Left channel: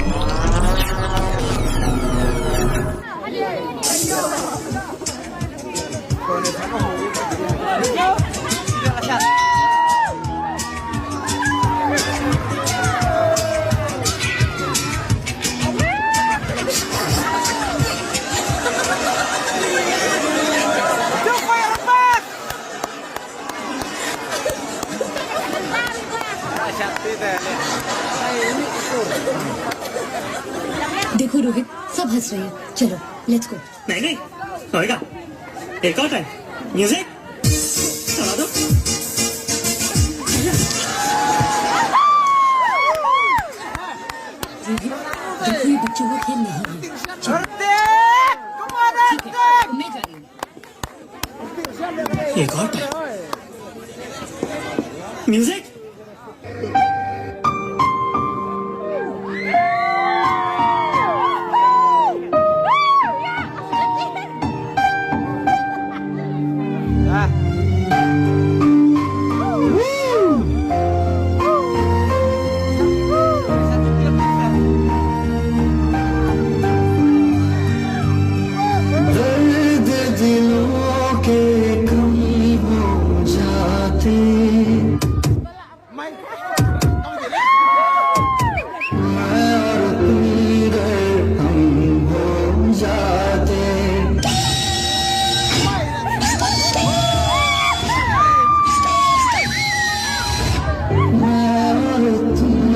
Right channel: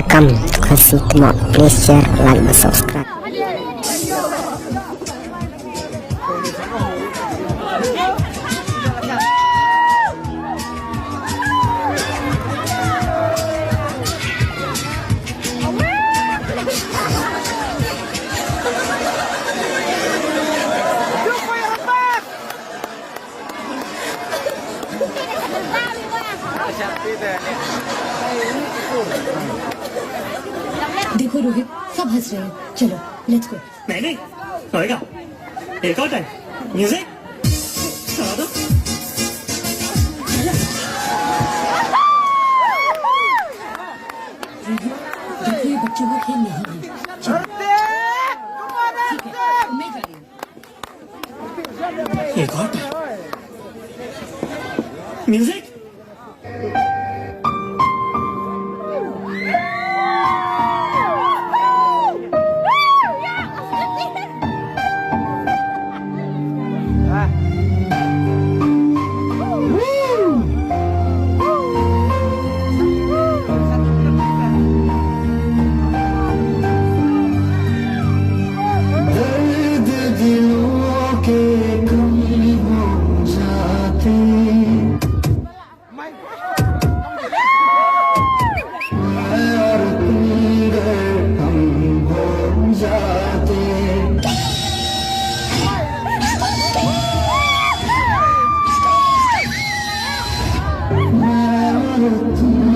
welcome. Kalau suka mau please share, like, dan subscribe. देखो रोहित, सब हंस रहे हैं. चलो लेट्स गो. नहीं नहीं होएगा. एक और टाइम म्यूजिक चला दो. देखो ये बच्चों का खेल नहीं है. चलो ठीक है, मैं जा रही हूँ. एक और टाइम म्यूजिक. मैं